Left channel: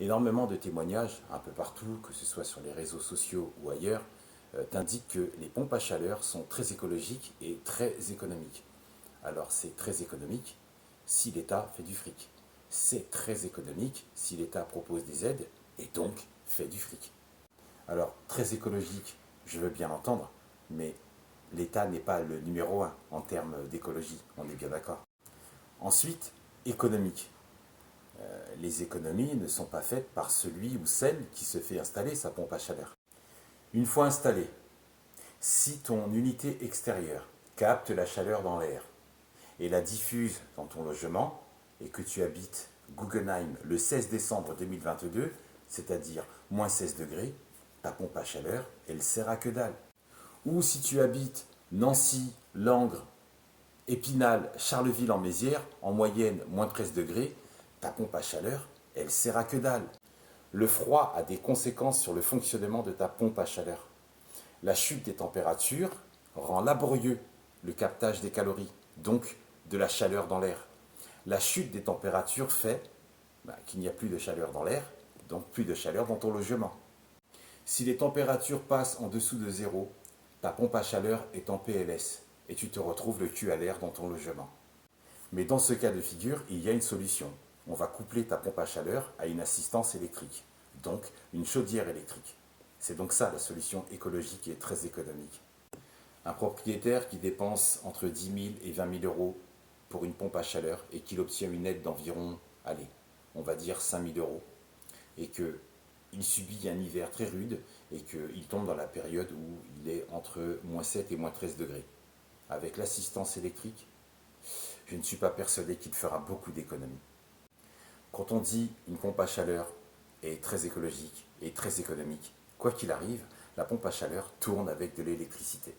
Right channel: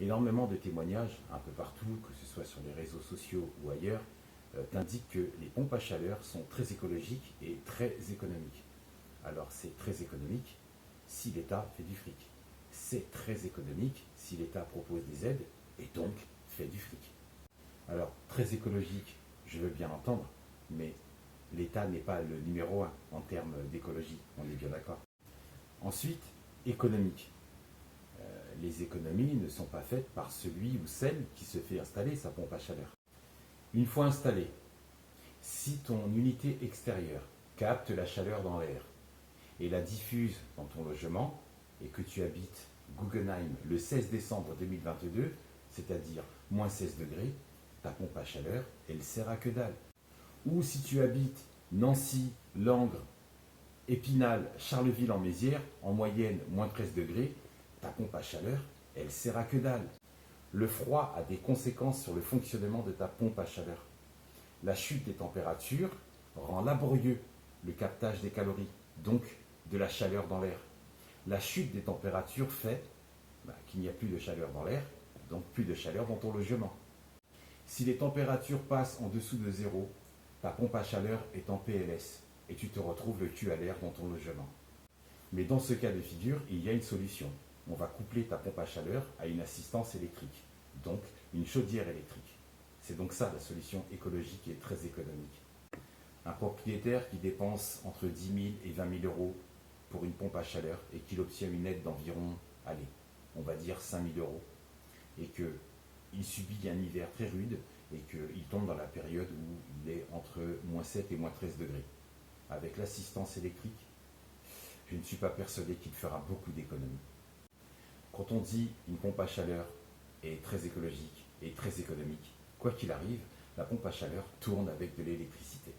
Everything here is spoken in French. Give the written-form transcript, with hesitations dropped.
Énormément de témoignages, un peu partout, que ce soit sur les réseaux sociaux ou ailleurs, t'indiquent que les pompes à chaleur sont très écologiques et très économiques. Alors c'est très économique si l'État fait du fric. C'est très économique si l'État propose des aides et donc fait du fric. Alors très écologique, je veux bien l'entendre, mais l'État n'est pas le numéro un en termes d'écologie, on est bien d'accord. Ensuite, économique. Les économies ne sont pas faites par celui ou celle qui se fait installer sa pompe à chaleur. Une fois installée, si ton unité extérieure capte la chaleur dans l'air et la diffuse dans ton logement, et que tu habites Guggenheim le 16 décembre 2022, c'est-à-dire moins 16 degrés, ta pompe à chaleur, elle sert à que dalle. Ou si tu habites Nancy, Langres, Épinal, Charleville-en-Mézières, en moyenne moins 13 degrés, ta pompe à chaleur, elle sert à que dalle. Le froid a des conséquences sur le fonctionnement de ta pompe à chaleur. La chute des températures rend laborieux le captage des calories, donc de la chaleur dans l'air. La chute des températures fait qu'il n'y a plus de chaleur dans l'air, donc plus de chaleur dans ton logement. Si les températures passent en dessous de zéro, ta pompe à chaleur est en PLS et tu te retrouves le cul à l'air dans ton logement. Mais dans ce cas de figure, il y a une solution. On va coupler ta pompe à chaleur à une assistance électrique, donc une chaudière électrique. C'est donc ça la solution écologique et très économique. Un propriétaire qui dépense entre 10 000 et 20 000 euros pour une pompe à chaleur et qu'il obtient une aide d'environ, allez, on va dire 5 000 euros, et qu'il subit un hiver très rude et qu'il tombe dans la période où il est entre moins 7 et moins 13 degrés. Avec l'assistance électrique, je ne suis pas persuadé qu'il fera beaucoup d'économies. Quand on dit une pompe à chaleur est très écologique et très économique, quoi qu'il arrive, la pompe à chaleur tourne avec de l'électricité.